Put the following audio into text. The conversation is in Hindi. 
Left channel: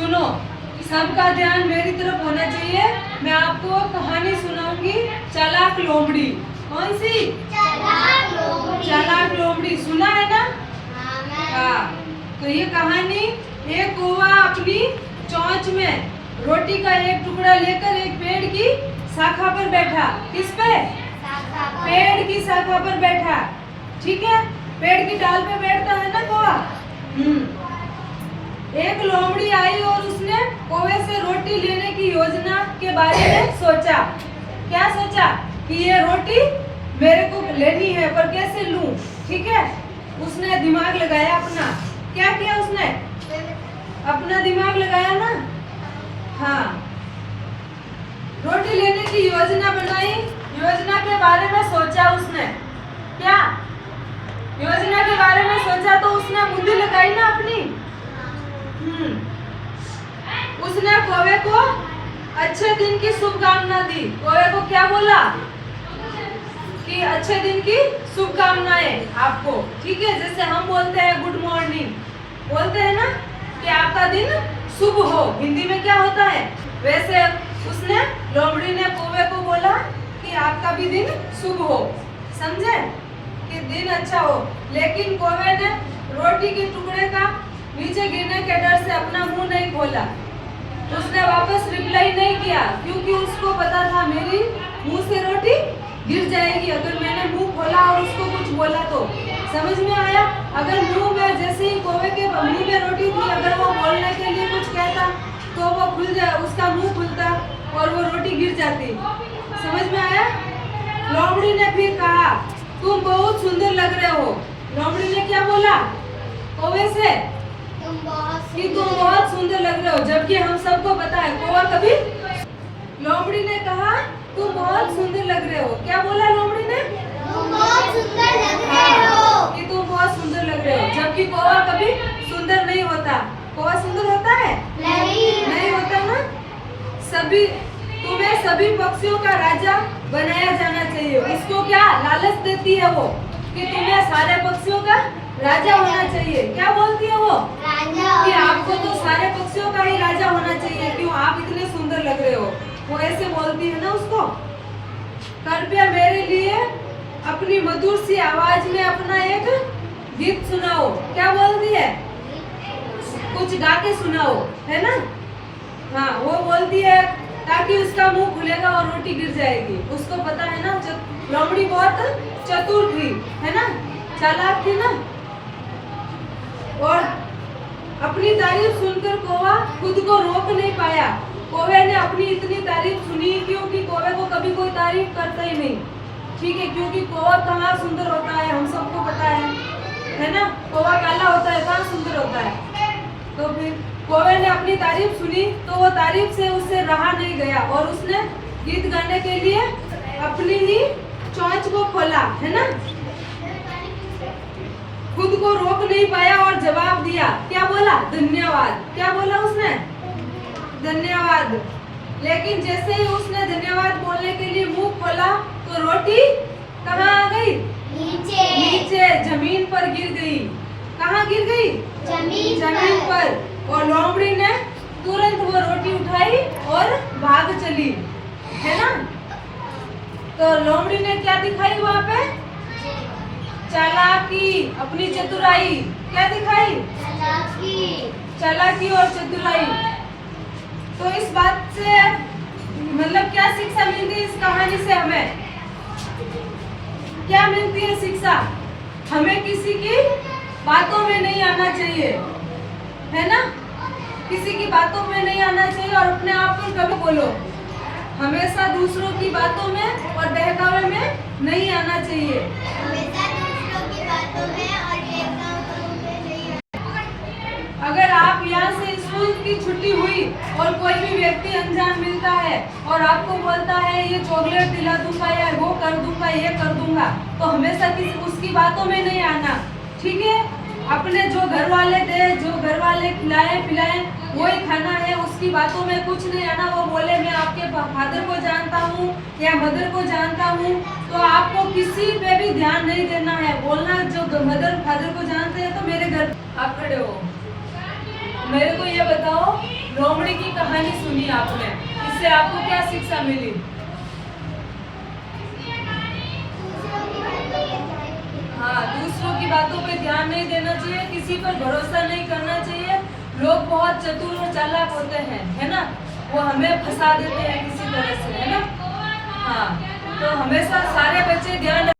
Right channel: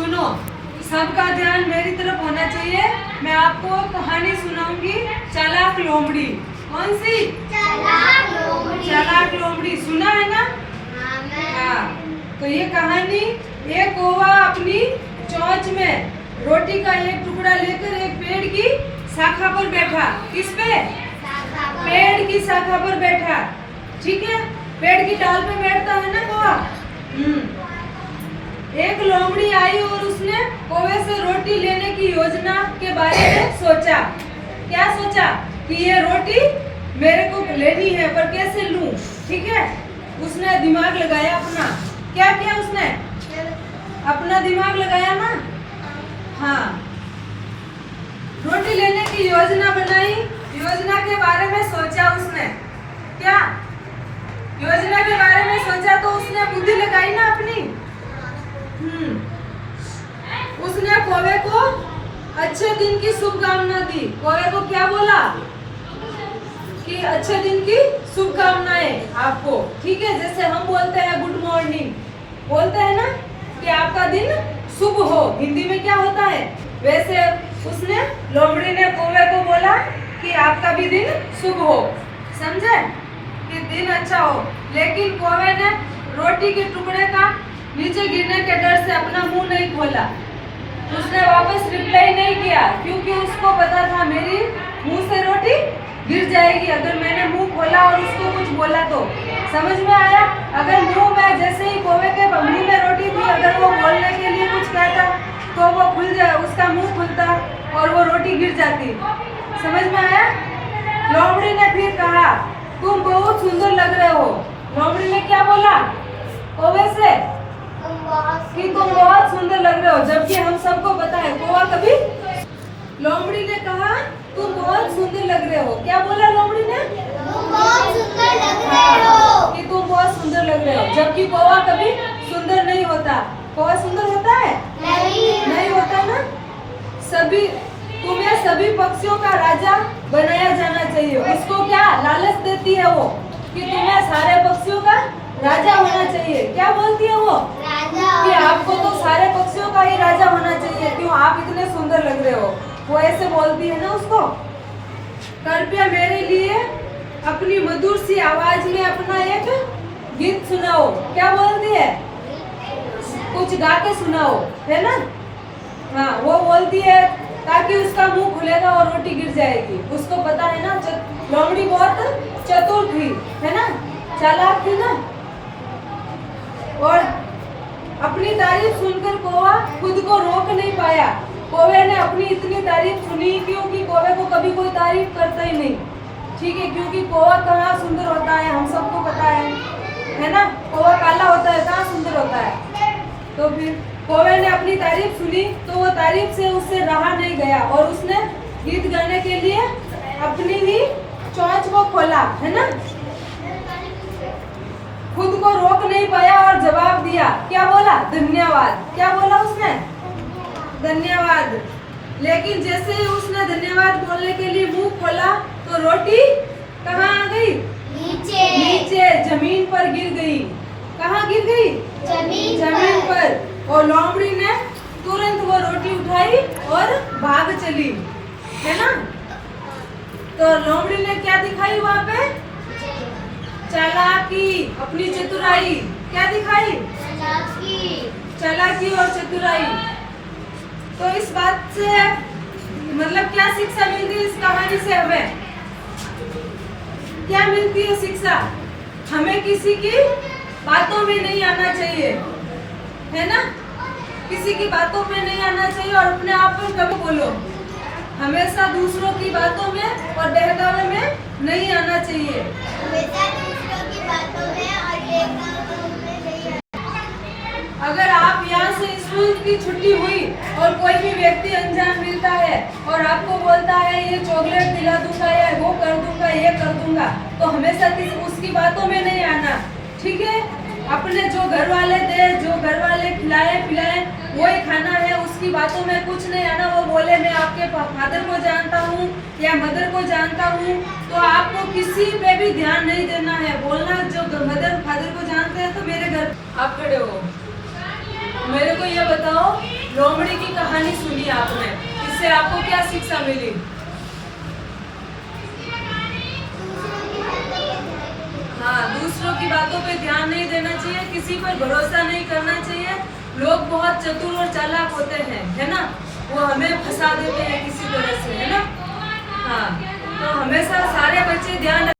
सुनो, सबका ध्यान मेरी तरफ होना चाहिए। मैं आपको कहानी सुनाऊंगी, चालाक लोमड़ी। कौन सी? चालाक लोमड़ी। चालाक लोमड़ी सुना है ना? हाँ। तो ये कहानी, एक कौवा अपनी चोंच में रोटी का एक टुकड़ा लेकर एक पेड़ की शाखा पर बैठा। किस पे? पेड़ की शाखा पर बैठा। ठीक है, पेड़ की डाल पे बैठता है ना कौवा। एक लोमड़ी आई और उसने कौवे से रोटी लेने की योजना के बारे में सोचा। क्या सोचा? कि ये रोटी मेरे को लेनी है, पर कैसे लूं? ठीक है, उसने दिमाग लगाया अपना। क्या किया उसने? अपना दिमाग लगाया ना। हाँ, रोटी लेने की योजना बनाई। योजना के बारे में सोचा उसने। क्या योजना के बारे में सोचा? तो उसने बुद्धि लगाई ना अपनी। उसने कौवे को अच्छे दिन की शुभकामना दी। कौवे को क्या बोला? कि अच्छे दिन की शुभकामनाएं आपको। ठीक है, जैसे हम बोलते हैं गुड मॉर्निंग, बोलते हैं ना कि आपका दिन शुभ हो, हिंदी में क्या होता है? वैसे उसने, लोमड़ी ने कौवे को बोला कि आपका भी दिन शुभ हो। समझे? कि दिन अच्छा हो। लेकिन कौवे ने रोटी के टुकड़े का नीचे गिरने के डर से अपना मुंह नहीं खोला। उसने वापस रिप्लाई नहीं किया, क्योंकि उसको पता था मेरी मुंह से रोटी गिर जाएगी अगर मैंने मुंह खोला और उसको कुछ बोला तो। समझ में आया? अगर मुंह में, जैसे ही कौवे के मुंह में रोटी थी, अगर वो बोलने के लिए कुछ कहता तो वो खुल जाए, उसका मुंह खुलता और वो रोटी गिर जाती। समझ में आया? लोमड़ी ने फिर कहा, तुम बहुत सुंदर लग रहे हो। लोमड़ी ने क्या बोला कौवे से? कि तुम बहुत सुंदर लग रहे हो, जबकि हम सबको पता है कौवा कभी। लोमड़ी ने कहा तुम बहुत सुंदर लग रहे हो। क्या बोला लोमड़ी ने? तुम बहुत सुंदर लग रहे हो। कि तुम बहुत सुंदर लग रहे हो, जबकि कौवा कभी सुंदर नहीं होता। कौवा सुंदर होता है? नहीं होता ना। तुम्हें सभी पक्षियों का राजा बनाया जाना चाहिए। उसको क्या लालच देती है वो, कि तुम्हें सारे पक्षियों का राजा होना चाहिए। क्या बोलती है वो? कि आपको तो सारे पक्षियों का ही राजा होना चाहिए, क्यों आप इतने सुंदर लग रहे हो। वो ऐसे बोलती है ना उसको। कृपया मेरे लिए अपनी मधुर सी आवाज में अपना एक गीत सुनाओ। क्या बोलती है? कुछ गा के सुनाओ, है ना। हाँ, वो बोलती है ताकि उसका मुंह खुलेगा और रोटी गिर जाएगी। उसको पता है ना, लोमड़ी बहुत चतुर थी, है ना, चालाक थी ना। और अपनी तारीफ सुनकर कौवा खुद को रोक नहीं पाया। कौवे ने अपनी इतनी तारीफ सुनी, क्योंकि कौवे को कभी कोई तारीफ करता ही नहीं। ठीक है, क्योंकि कौवा कहाँ सुंदर होता है हम सबको पता है ना। कौवा काला होता है, कहाँ सुंदर होता है। तो फिर कौवे ने अपनी तारीफ सुनी, तो वो तारीफ से उससे रहा नहीं गया और उसने गीत गाने के लिए अपनी ही चोंच को खोला, है ना। खुद को रोक नहीं पाया और जवाब दिया। क्या बोला? धन्यवाद। क्या बोला उसने? धन्यवाद। लेकिन जैसे ही उसने धन्यवाद बोलने के लिए मुंह खोला तो रोटी कहाँ आ गई? नीचे जमीन पर गिर गई। कहाँ गिर गई? जमीन पर। और लोमड़ी ने तुरंत वो रोटी उठाई और भाग चली, है ना। तो लोमड़ी ने क्या दिखाई वहाँ पे? चालाकी, अपनी चतुराई। क्या दिखाई? चालाकी और चतुराई। तो इस बात से मतलब क्या शिक्षा मिलती है इस कहानी से? हमें क्या मिलती है शिक्षा? हमें किसी की बातों में नहीं आना चाहिए, है ना। किसी की बातों में नहीं आना चाहिए और अपने आप पर कभी बोलो। हमेशा दूसरों की बातों में और बहकावे में नहीं आना चाहिए। अगर आप यहाँ से स्कूल की छुट्टी हुई और कोई भी व्यक्ति अनजान मिलता है और आपको बोलता है ये चॉकलेट दिला दूंगा या वो कर दूंगा, ये कर दूंगा, तो हमेशा उसकी बातों में नहीं आना। ठीक है, अपने जो घर वाले दे, जो घर वाले खिलाए पिलाए वही खाना है। उसकी बातों में कुछ नहीं आना। वो बोले मैं आपके फादर को जानता हूँ या मदर को जानता हूँ, तो आपको किसी पे भी ध्यान नहीं देना है। बोलना जो मदर फादर को जानते हैं तो मेरे घर। आप खड़े हो, मेरे को ये बताओ, आपने। इससे आपको क्या शिक्षा मिली? हाँ, दूसरों की बातों पे ध्यान नहीं देना चाहिए, किसी पर भरोसा नहीं करना चाहिए। लोग बहुत चतुर और चालाक होते हैं, है ना, वो हमें फंसा देते हैं किसी तरह से, है ना। हाँ, तो हमेशा सारे बच्चे ध्यान